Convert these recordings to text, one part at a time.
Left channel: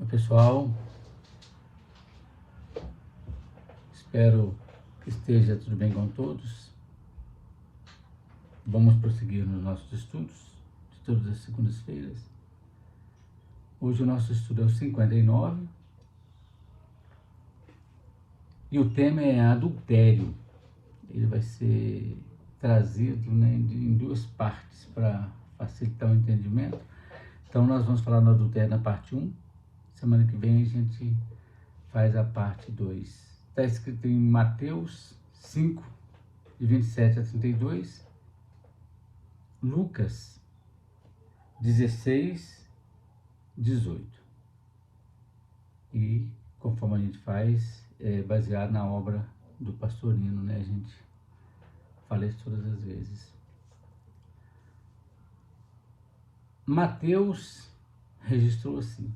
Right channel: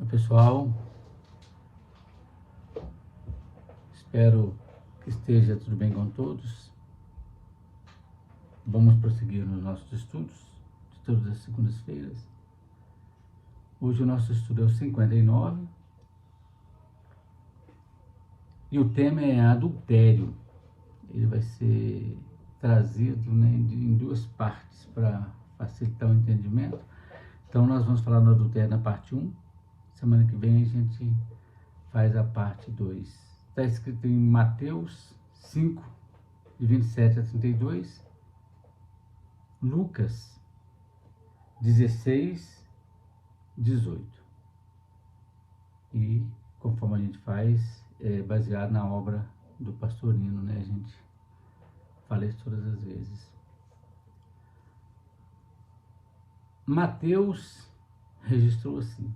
Oi, pessoal, espero que esteja tudo bem com todos. Vamos prosseguir nos nossos estudos de todas as segundas-feiras. Hoje o nosso estudo é o 59 e o tema é adultério. Ele vai ser trazido em duas partes para facilitar o entendimento. Então nós vamos falar no adultério na parte 1. Semana que vem a gente faz a parte 2. Está escrito em Mateus 5, de 27 a 32, Lucas 16, 18. E conforme a gente faz, é baseado na obra do Pastorino, né? A gente fala isso todas as vezes. Mateus registrou assim:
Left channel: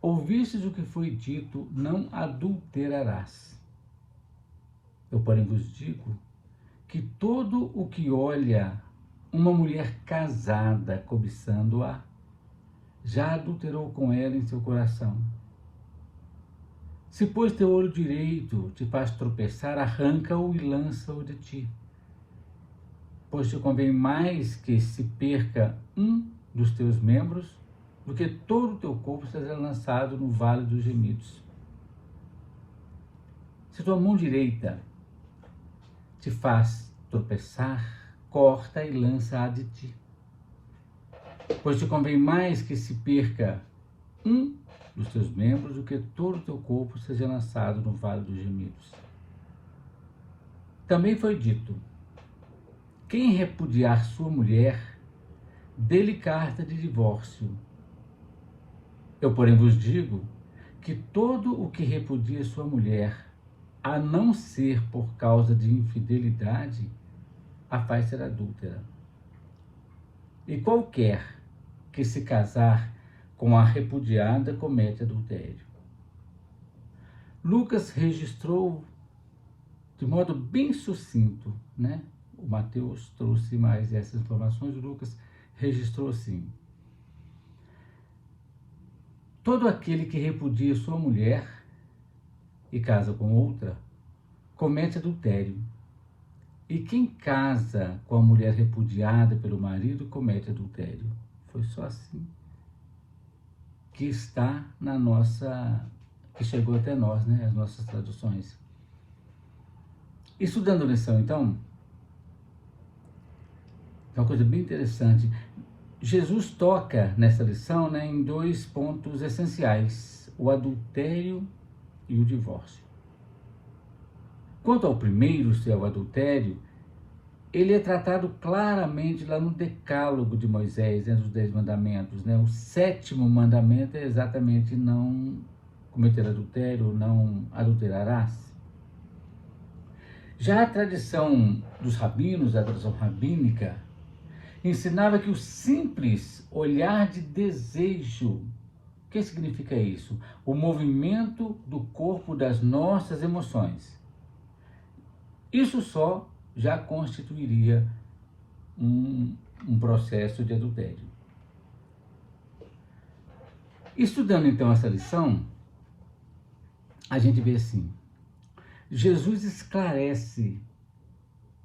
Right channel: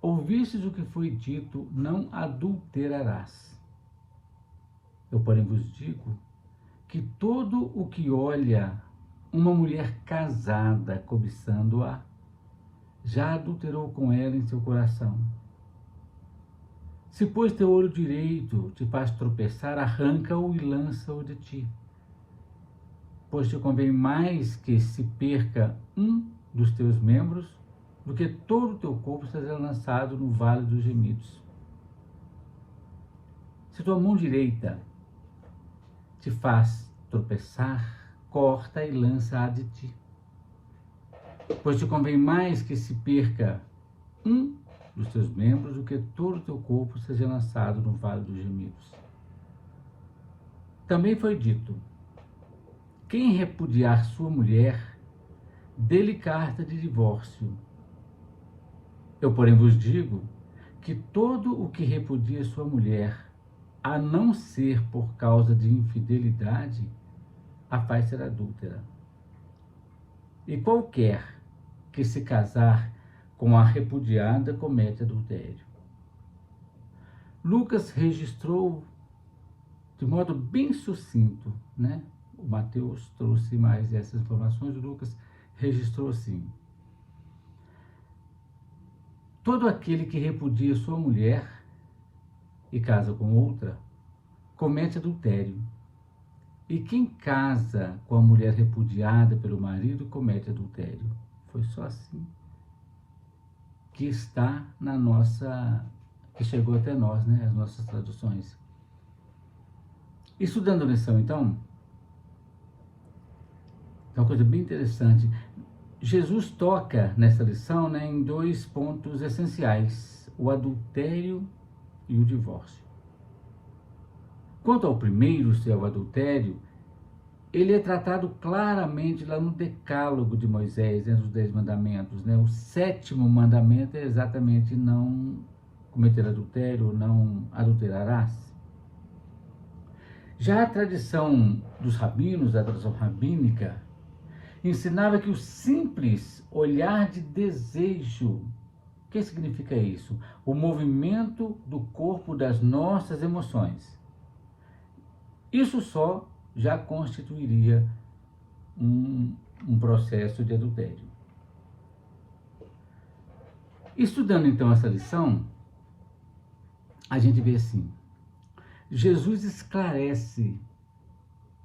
ouvistes o que foi dito, não adulterarás. Eu, porém, vos digo que todo o que olha uma mulher casada cobiçando-a, já adulterou com ela em seu coração. Se, pois, teu olho direito te faz tropeçar, arranca-o e lança-o de ti. Pois te convém mais que se perca um dos teus membros, do que todo o teu corpo seja lançado no vale dos gemidos. Se tua mão direita te faz tropeçar, corta e lança-a de ti. Pois te convém mais que se perca um dos teus membros, do que todo o teu corpo seja lançado no vale dos gemidos. Também foi dito: quem repudiar sua mulher, dê-lhe carta de divórcio. Eu, porém, vos digo que todo o que repudia sua mulher, a não ser por causa de infidelidade, a faz ser adúltera. E qualquer que se casar com a repudiada comete adultério. Lucas registrou de modo bem sucinto, né? O Mateus trouxe mais essas informações, o Lucas registrou assim: todo aquele que repudia sua mulher e casa com outra, comete adultério. E quem casa com a mulher repudiada pelo marido, comete adultério. Foi só assim que está que chegou até nós, né? As nossas traduções. Estudando a lição, então, é uma coisa bem interessante. Jesus toca nessa lição, né, em dois pontos essenciais: o adultério e o divórcio. Quanto ao primeiro, ser o adultério, ele é tratado claramente lá no Decálogo de Moisés, né, dos 10 mandamentos. Né? O 7º mandamento é exatamente não cometer adultério, não adulterarás. Já a tradição dos rabinos, a tradição rabínica, ensinava que o simples olhar de desejo, o que significa isso? O movimento do corpo das nossas emoções. Isso só já constituiria um processo de adultério. Estudando então essa lição, a gente vê assim: Jesus esclarece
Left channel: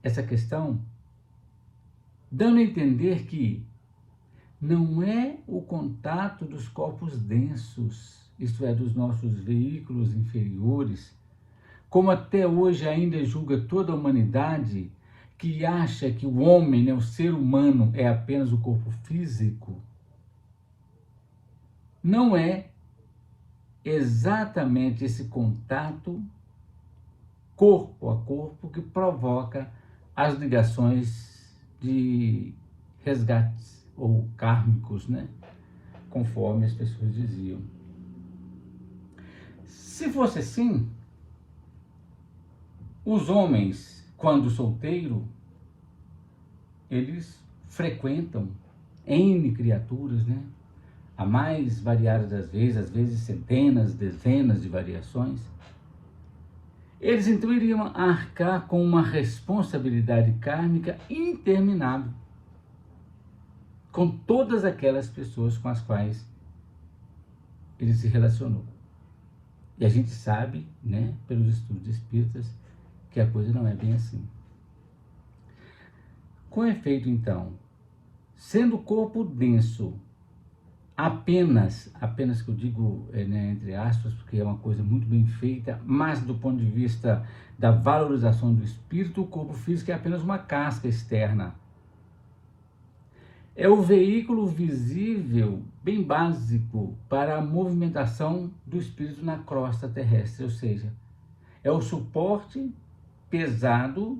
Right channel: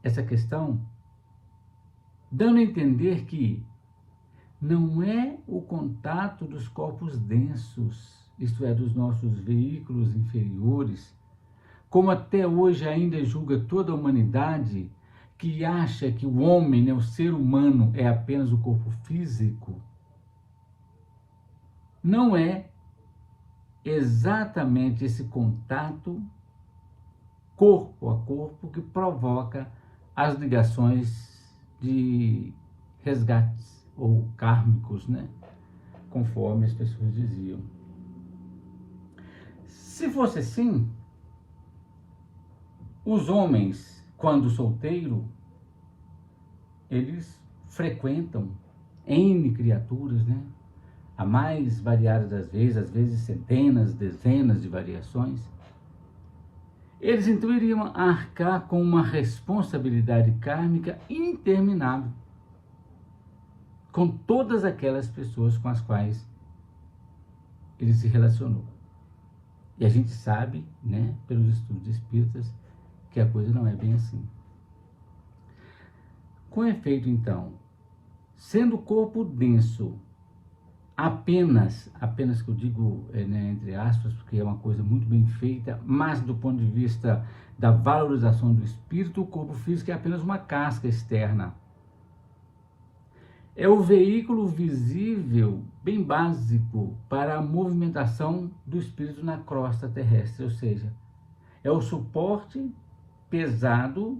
essa questão, dando a entender que não é o contato dos corpos densos, isto é, dos nossos veículos inferiores, como até hoje ainda julga toda a humanidade, que acha que o homem, né, o ser humano, é apenas o corpo físico. Não é exatamente esse contato corpo a corpo que provoca as ligações de resgates ou kármicos, né? Conforme as pessoas diziam. Se fosse assim, os homens, quando solteiro, eles frequentam N criaturas, né? A mais variada das vezes, às vezes centenas, dezenas de variações. Eles então iriam arcar com uma responsabilidade kármica interminável com todas aquelas pessoas com as quais ele se relacionou. E a gente sabe, né, pelos estudos espíritas, que a coisa não é bem assim. Com efeito, então, sendo o corpo denso apenas que eu digo, né, entre aspas, porque é uma coisa muito bem feita, mas do ponto de vista da valorização do espírito, o corpo físico é apenas uma casca externa. É o veículo visível, bem básico, para a movimentação do espírito na crosta terrestre, ou seja, é o suporte pesado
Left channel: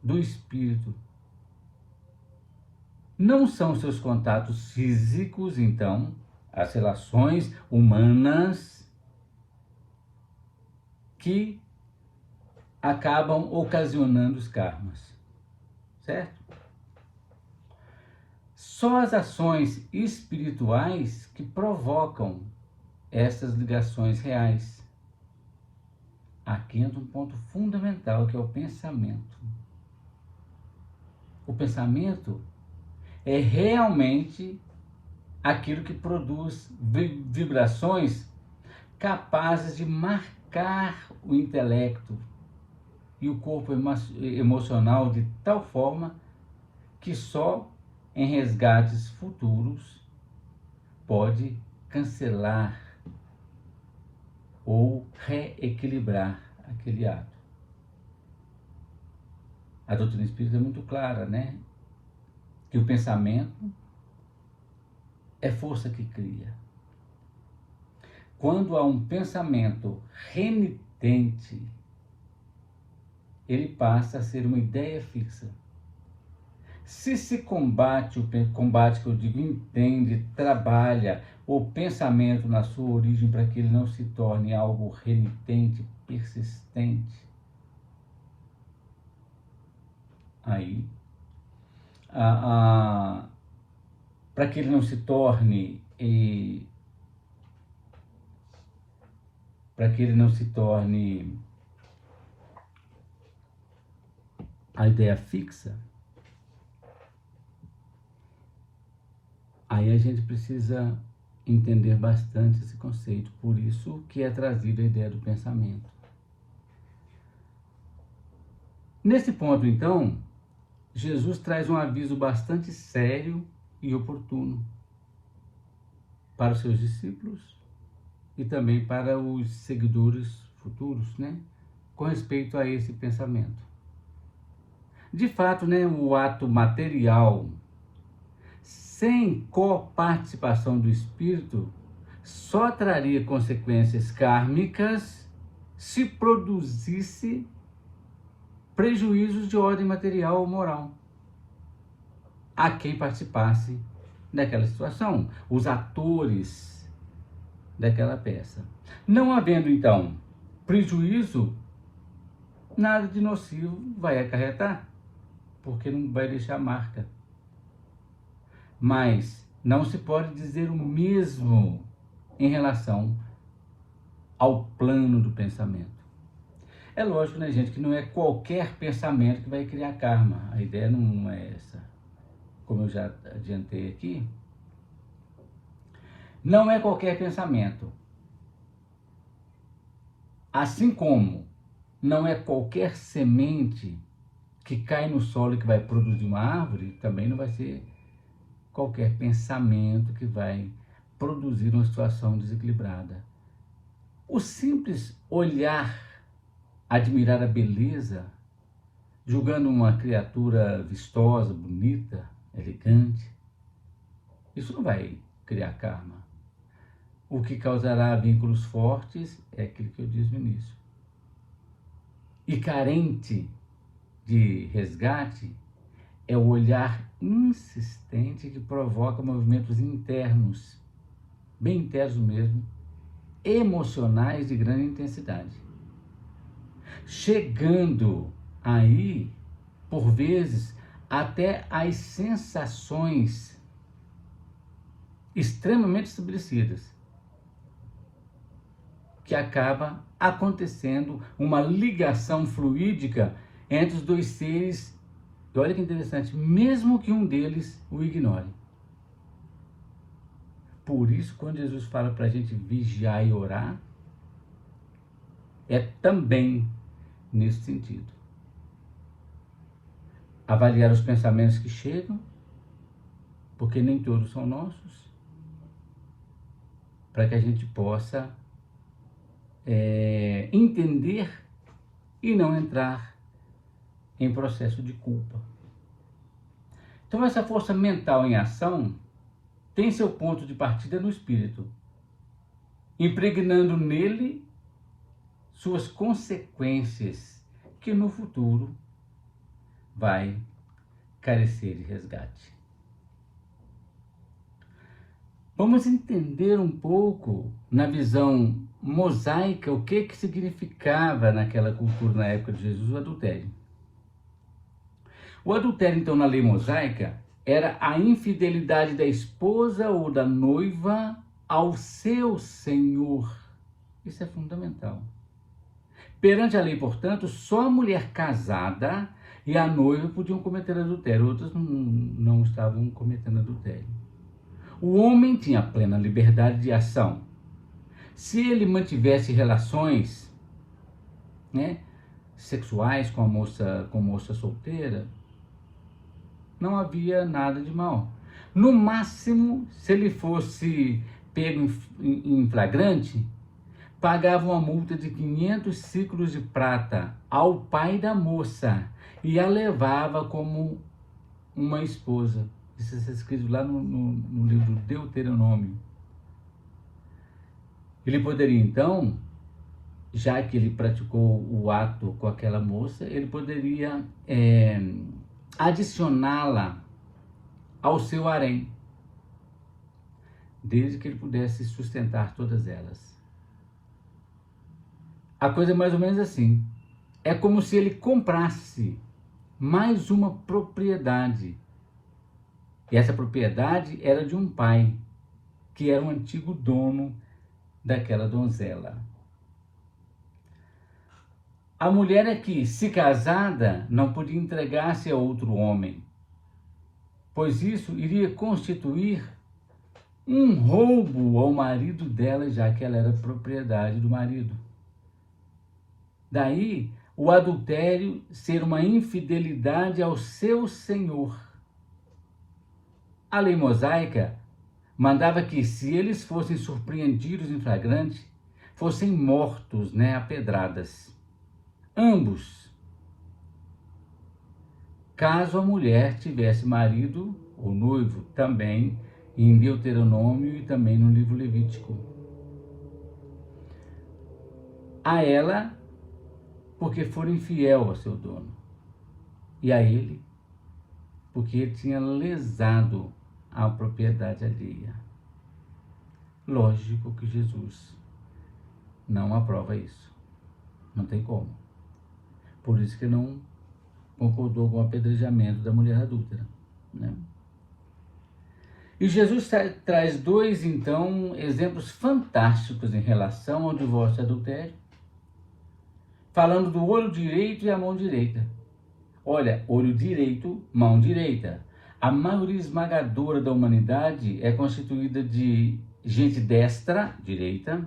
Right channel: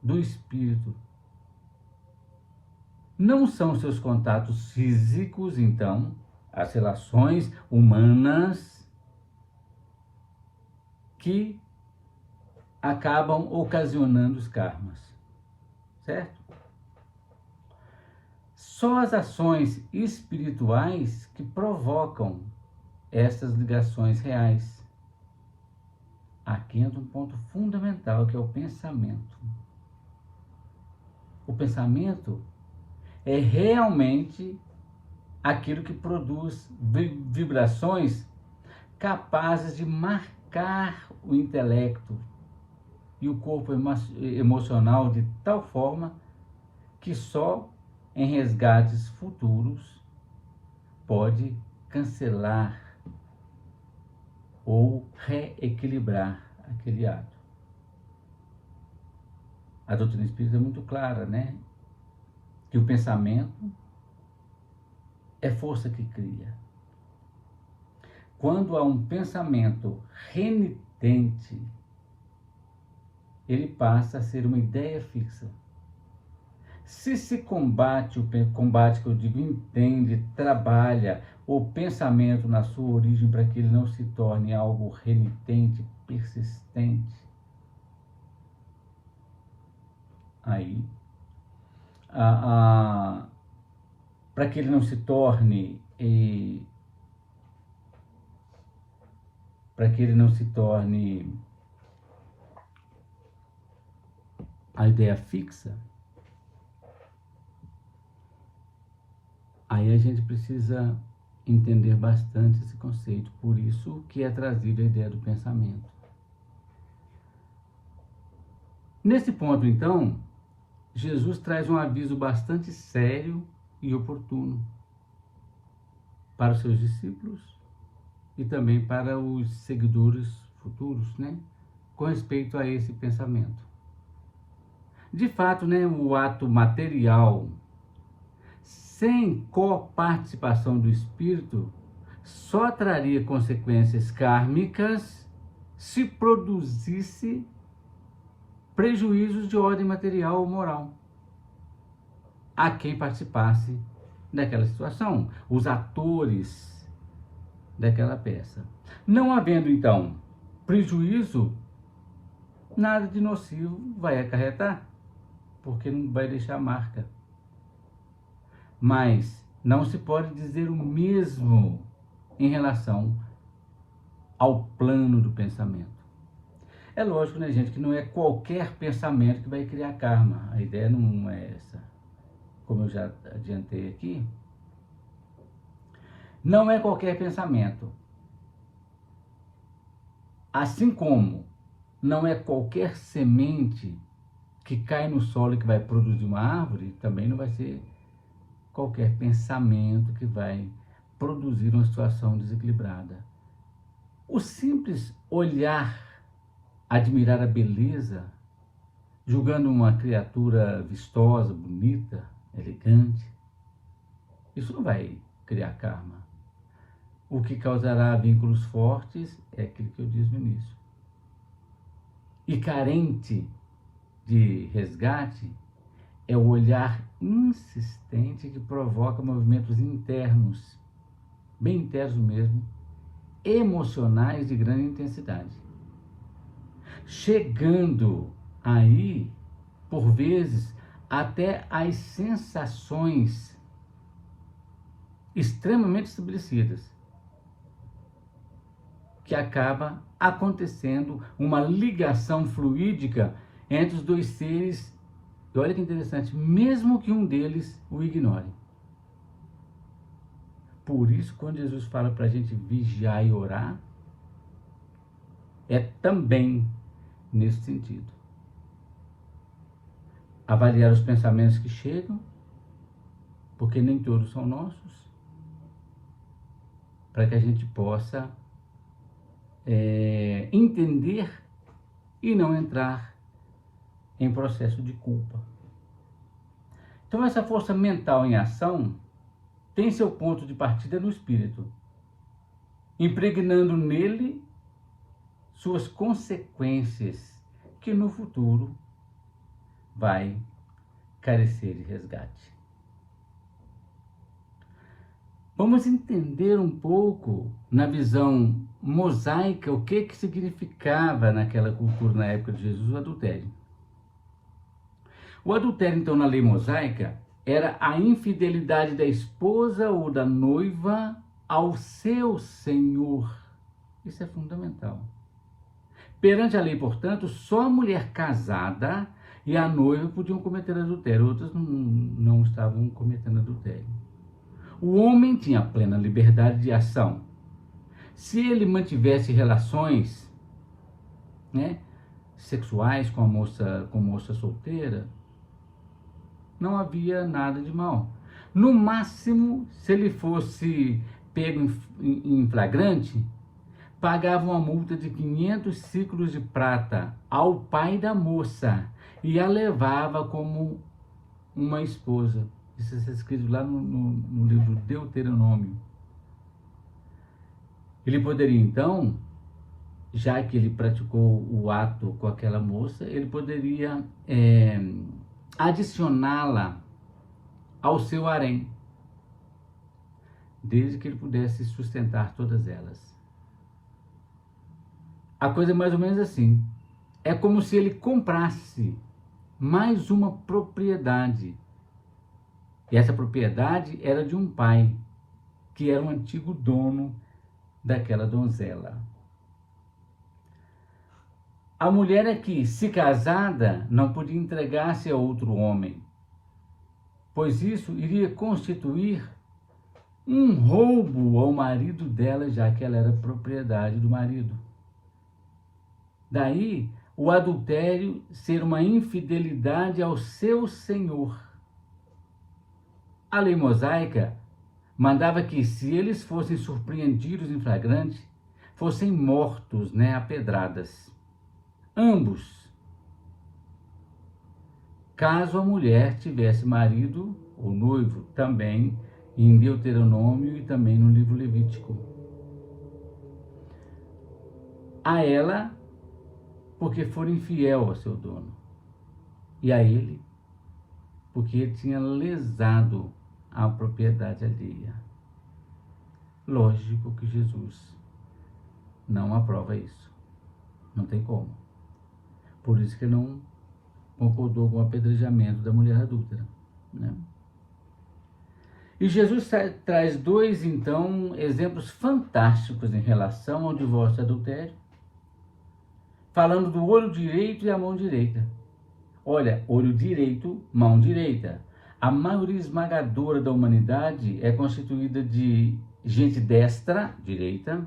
do espírito. Não são seus contatos físicos, então, as relações humanas que acabam ocasionando os karmas, certo? Só as ações espirituais que provocam essas ligações reais. Aqui entra um ponto fundamental, que é o pensamento. O pensamento é realmente aquilo que produz vibrações capazes de marcar o intelecto e o corpo emocional de tal forma que só em resgates futuros pode cancelar ou reequilibrar aquele ato. A doutrina espírita é muito clara, né? Que o pensamento é força que cria. Quando há um pensamento renitente, ele passa a ser uma ideia fixa. Se combate, combate que eu digo, entende, trabalha o pensamento na sua origem para que ele não se torne algo renitente, persistente, aí, para que ele não se torne, a ideia fixa, aí a gente precisa entender bastante esse conceito, por isso que é trazida a ideia do pensamento. Nesse ponto, então, Jesus traz um aviso bastante sério e oportuno para os seus discípulos e também para os seguidores futuros, né, com respeito a esse pensamento. De fato, né, o ato material, sem coparticipação do espírito, só traria consequências kármicas se produzisse prejuízos de ordem material ou moral a quem participasse daquela situação, os atores daquela peça. Não havendo, então, prejuízo, nada de nocivo vai acarretar, porque não vai deixar marca. Mas não se pode dizer o mesmo em relação ao plano do pensamento. É lógico, né, gente, que não é qualquer pensamento que vai criar karma. A ideia não é essa. Como eu já adiantei aqui, não é qualquer pensamento. Assim como não é qualquer semente que cai no solo e que vai produzir uma árvore, também não vai ser qualquer pensamento que vai produzir uma situação desequilibrada. O simples olhar, admirar a beleza, julgando uma criatura vistosa, bonita, elegante, isso não vai criar karma. O que causará vínculos fortes é aquilo que eu disse no início. E carente de resgate é o olhar insistente que provoca movimentos internos, bem internos mesmo, emocionais de grande intensidade. Chegando aí, por vezes, até as sensações extremamente estabelecidas, que acaba acontecendo uma ligação fluídica entre os dois seres. E olha que interessante, mesmo que um deles o ignore. Por isso, quando Jesus fala para a gente vigiar e orar, é também nesse sentido. Avaliar os pensamentos que chegam, porque nem todos são nossos, para que a gente possa entender e não entrar em processo de culpa. Então, essa força mental em ação tem seu ponto de partida no espírito, impregnando nele suas consequências, que no futuro vai carecer de resgate. Vamos entender um pouco, na visão mosaica, o que significava naquela cultura, na época de Jesus, o adultério. O adultério, então, na lei mosaica, era a infidelidade da esposa ou da noiva ao seu senhor. Isso é fundamental. Perante a lei, portanto, só a mulher casada e a noiva podiam cometer adultério, outras não estavam cometendo adultério. O homem tinha plena liberdade de ação. Se ele mantivesse relações, sexuais com moça solteira, não havia nada de mal. No máximo, se ele fosse pego em flagrante, pagava uma multa de 500 ciclos de prata ao pai da moça e a levava como uma esposa. Isso está escrito lá no livro Deuteronômio. Ele poderia, então, já que ele praticou o ato com aquela moça, ele poderia adicioná-la ao seu harém, desde que ele pudesse sustentar todas elas. A coisa é mais ou menos assim. É como se ele comprasse mais uma propriedade. E essa propriedade era de um pai, que era o antigo dono daquela donzela. A mulher é que, se casada, não podia entregar-se a outro homem, pois isso iria constituir um roubo ao marido dela, já que ela era propriedade do marido. Daí, o adultério ser uma infidelidade ao seu senhor. A lei mosaica mandava que, se eles fossem surpreendidos em flagrante, fossem mortos, a pedradas. Ambos. Caso a mulher tivesse marido ou noivo, também em Deuteronômio e também no livro Levítico. A ela, porque for infiel ao seu dono. E a ele, porque ele tinha lesado a propriedade alheia. Lógico que Jesus não aprova isso. Não tem como. Por isso que não concordou com o apedrejamento da mulher adúltera. E Jesus traz dois, então, exemplos fantásticos em relação ao divórcio e adultério, falando do olho direito e a mão direita. Olha, olho direito, mão direita. A maioria esmagadora da humanidade é constituída de gente destra, direita,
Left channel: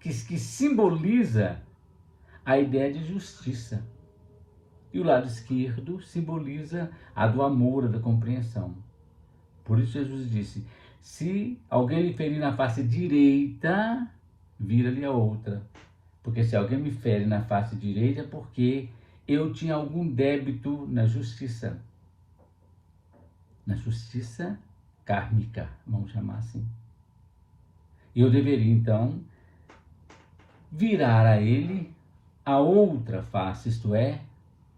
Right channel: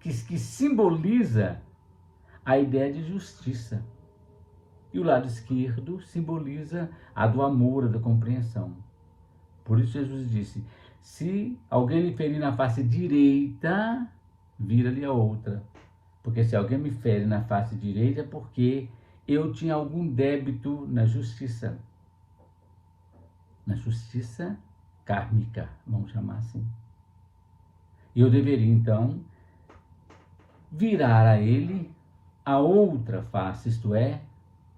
que simboliza a ideia de justiça. E o lado esquerdo simboliza a do amor, a da compreensão. Por isso Jesus disse, se alguém lhe ferir na face direita, vira-lhe a outra. Porque se alguém me fere na face direita, é porque eu tinha algum débito na justiça. Na justiça kármica, vamos chamar assim. E eu deveria, então, virar a ele a outra face, isto é,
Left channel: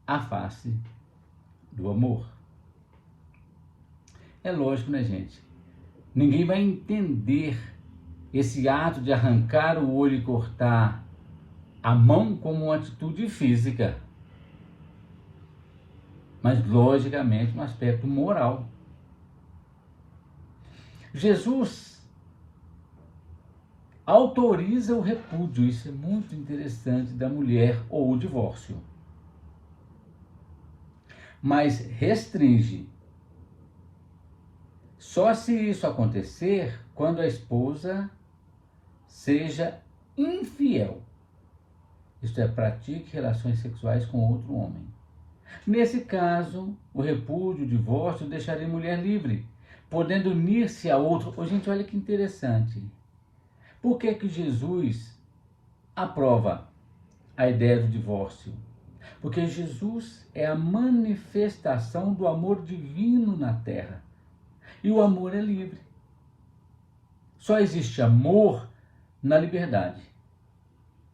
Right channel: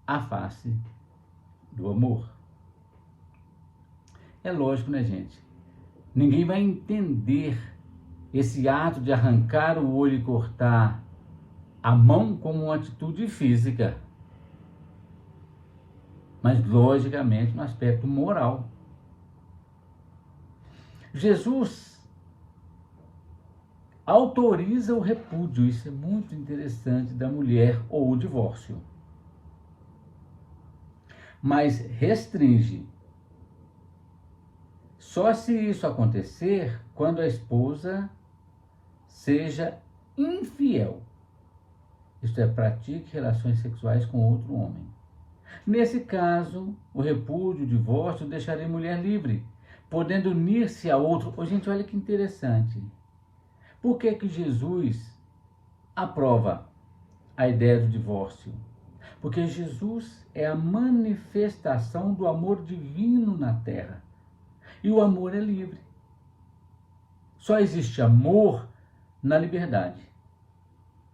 a face do amor. É lógico, gente? Ninguém vai entender esse ato de arrancar o olho e cortar a mão como uma atitude física, mas logicamente um aspecto moral. Jesus autoriza o repúdio, isso é muito interessante, da mulher ou o divórcio, mas restringe Só se isso acontecer quando a esposa seja infiel, isto é, pratique relações sexuais com outro homem. Nesse caso, o repúdio, o divórcio, deixaria a mulher livre, podendo unir-se a outro. Oh, gente, olha que interessante. Por que que Jesus aprova a ideia do divórcio? Porque Jesus é a manifestação do amor divino na terra. E o amor é livre. Só existe amor na liberdade.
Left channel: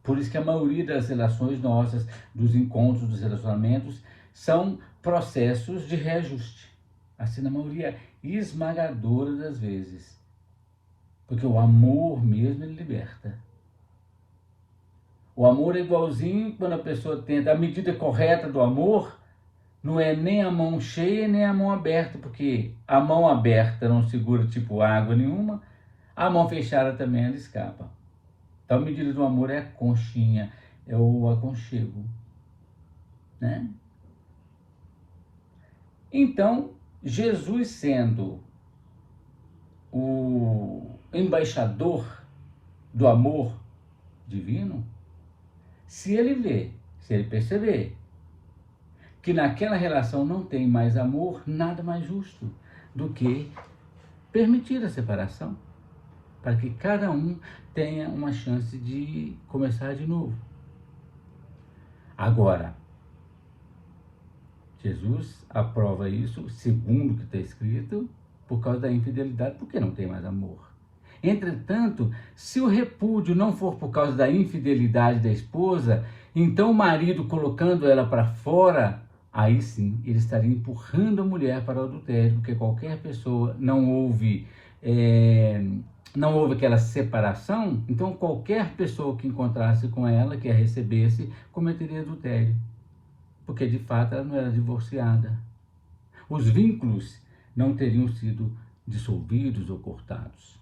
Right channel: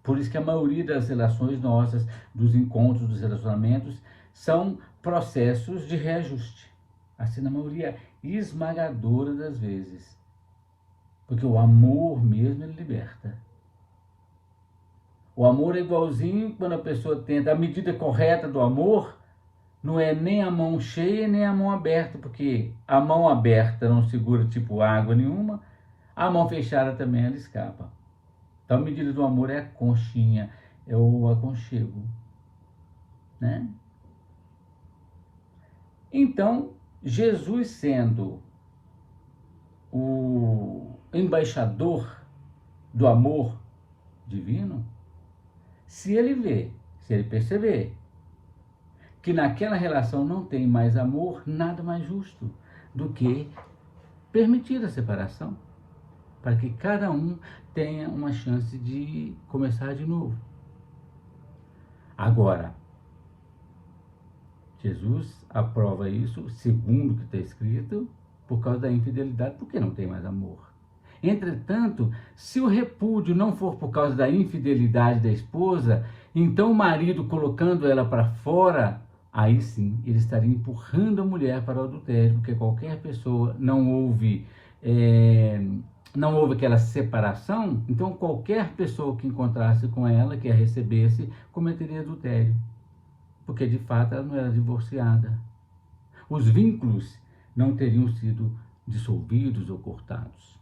Por isso que a maioria das relações nossas, dos encontros, dos relacionamentos, são processos de reajuste. Assim, na maioria esmagadora das vezes. Porque o amor mesmo, ele liberta. O amor é igualzinho quando a pessoa tenta, a medida correta do amor não é nem a mão cheia nem a mão aberta, porque a mão aberta não segura tipo água nenhuma, a mão fechada também ela escapa. Então a medida do amor é a conchinha, é o aconchego, né? Então, Jesus sendo o embaixador do amor divino, se ele perceber que naquela relação não tem mais amor, nada mais justo do que permitir a separação, para que cada um tenha uma chance de começar de novo. Agora, Jesus aprova isso, segundo o que está escrito, por causa da infidelidade, porque não tem mais amor. Entretanto, se o repúdio não for por causa da infidelidade da esposa, então o marido colocando ela para fora, aí sim ele estaria empurrando a mulher para o adultério, porque qualquer pessoa não houve aquela separação, então qualquer pessoa que encontrasse com ela, que a recebesse, cometeria adultério, porque de fato ela não era divorciada. Os vínculos não teriam sido dissolvidos ou cortados.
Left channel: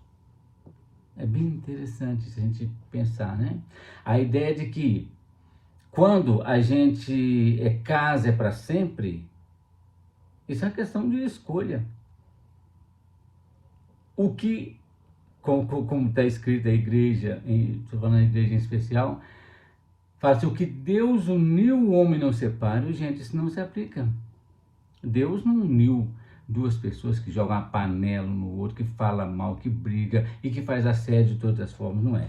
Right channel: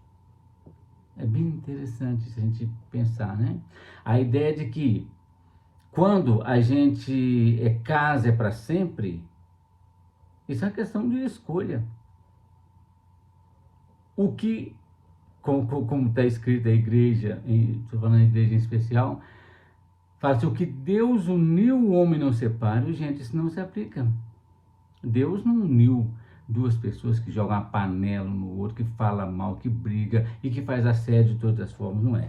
É bem interessante se a gente pensar, né? A ideia de que quando a gente casa é para sempre, isso é uma questão de escolha. O que, como está escrito a igreja, estou falando da igreja em especial, fala assim, o que Deus uniu, o homem não separa. Gente, isso não se aplica. Deus não uniu duas pessoas que jogam uma panela um no outro, que fala mal, que briga e que faz assédio de todas as formas, não é,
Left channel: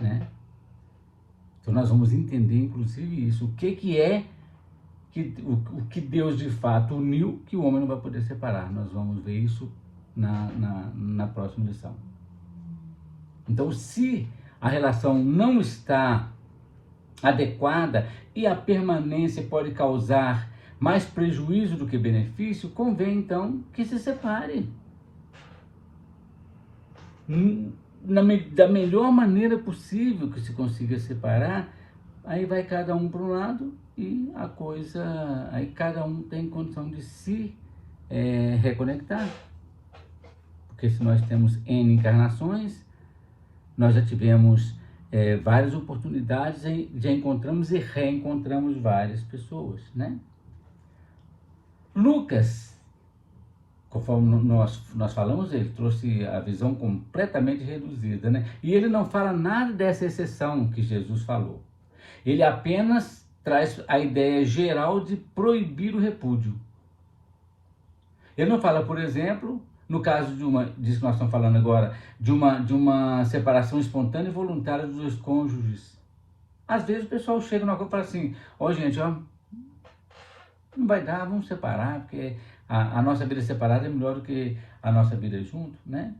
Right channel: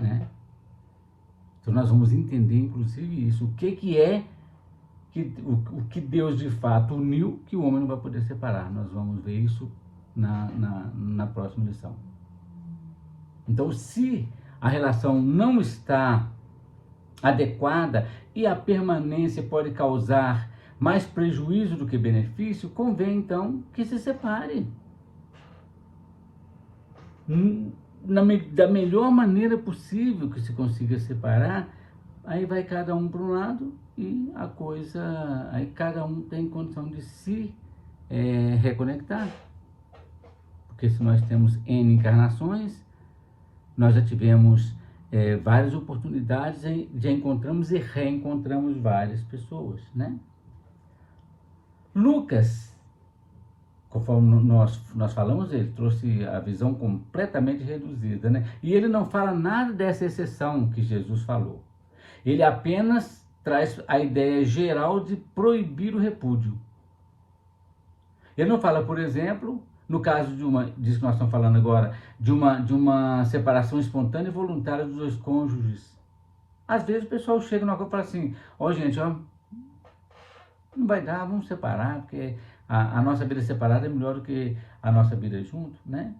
né? Então nós vamos entender, inclusive, isso. O que Deus de fato uniu, que o homem não vai poder separar. Nós vamos ver isso na próxima lição. Então, se a relação não está adequada e a permanência pode causar mais prejuízo do que benefício, convém então que se separe. Da melhor maneira possível que se consiga separar, aí vai cada um para um lado e a coisa, aí cada um tem condição de se reconectar. Porque se nós temos N encarnações, nós já tivemos várias oportunidades, já encontramos e reencontramos várias pessoas, né? Lucas, conforme nós falamos, ele trouxe a visão completamente reduzida, né? E ele não fala nada dessa exceção que Jesus falou. Ele apenas traz a ideia geral de proibir o repúdio. Ele não fala, por exemplo, no caso disso que nós estamos falando agora, de uma separação espontânea e voluntária dos dois cônjuges. Às vezes o pessoal chega numa coisa e fala assim, ó gente, ó, não vai dar, vamos separar, porque a nossa vida separada é melhor do que a nossa vida junto, né?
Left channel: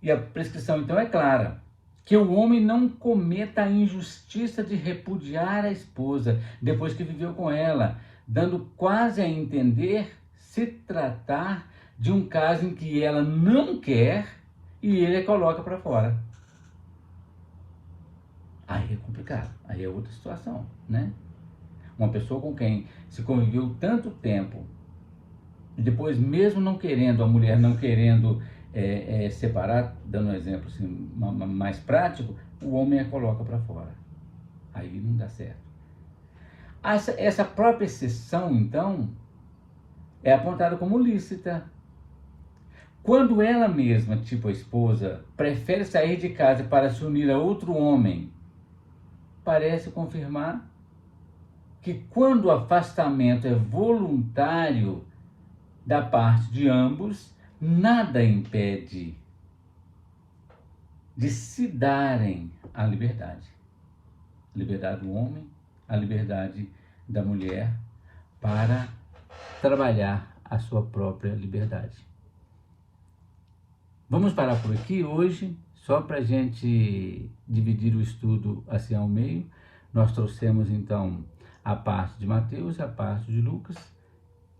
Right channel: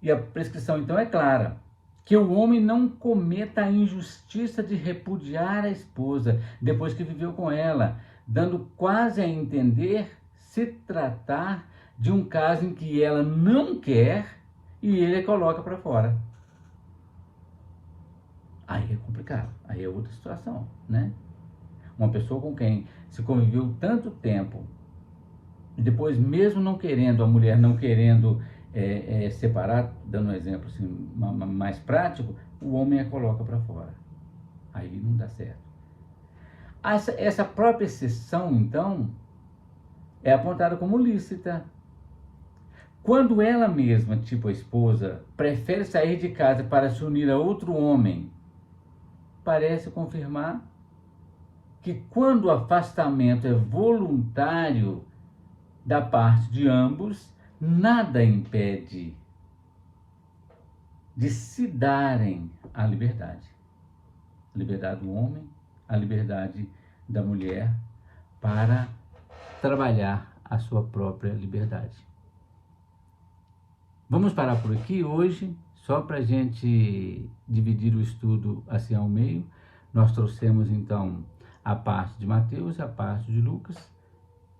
E a prescrição, então, é clara. Que o homem não cometa a injustiça de repudiar a esposa depois que viveu com ela, dando quase a entender se tratar de um caso em que ela não quer e ele a coloca para fora. Aí é complicado, aí é outra situação, né? Uma pessoa com quem se conviveu tanto tempo, e depois mesmo não querendo, a mulher não querendo separar, dando um exemplo assim, mais prático, o homem a coloca para fora. Aí não dá certo. Essa própria exceção, então, é apontada como lícita. Quando ela mesma, tipo a esposa, prefere sair de casa para se unir a outro homem, parece confirmar que quando o afastamento é voluntário da parte de ambos, nada impede de se darem a liberdade. A liberdade do homem, a liberdade da mulher para trabalhar a sua própria liberdade. Vamos parar por aqui hoje, só para a gente dividir o estudo assim ao meio. Nós trouxemos então a parte de Mateus e a parte de Lucas.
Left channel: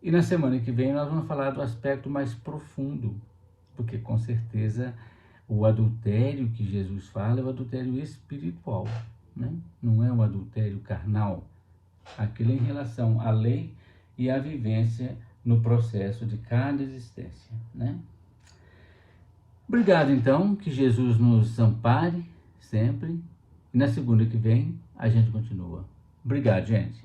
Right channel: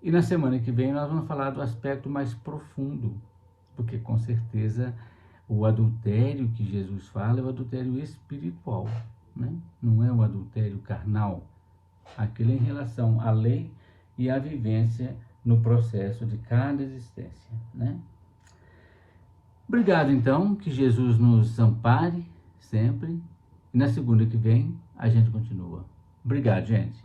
E na semana que vem nós vamos falar do aspecto mais profundo, porque com certeza o adultério que Jesus fala é o adultério espiritual, né? Não é o adultério carnal. Aquele é em relação à lei e à vivência no processo de cada existência, né? Obrigado, então, que Jesus nos ampare sempre. E na segunda que vem, a gente continua. Obrigado, gente.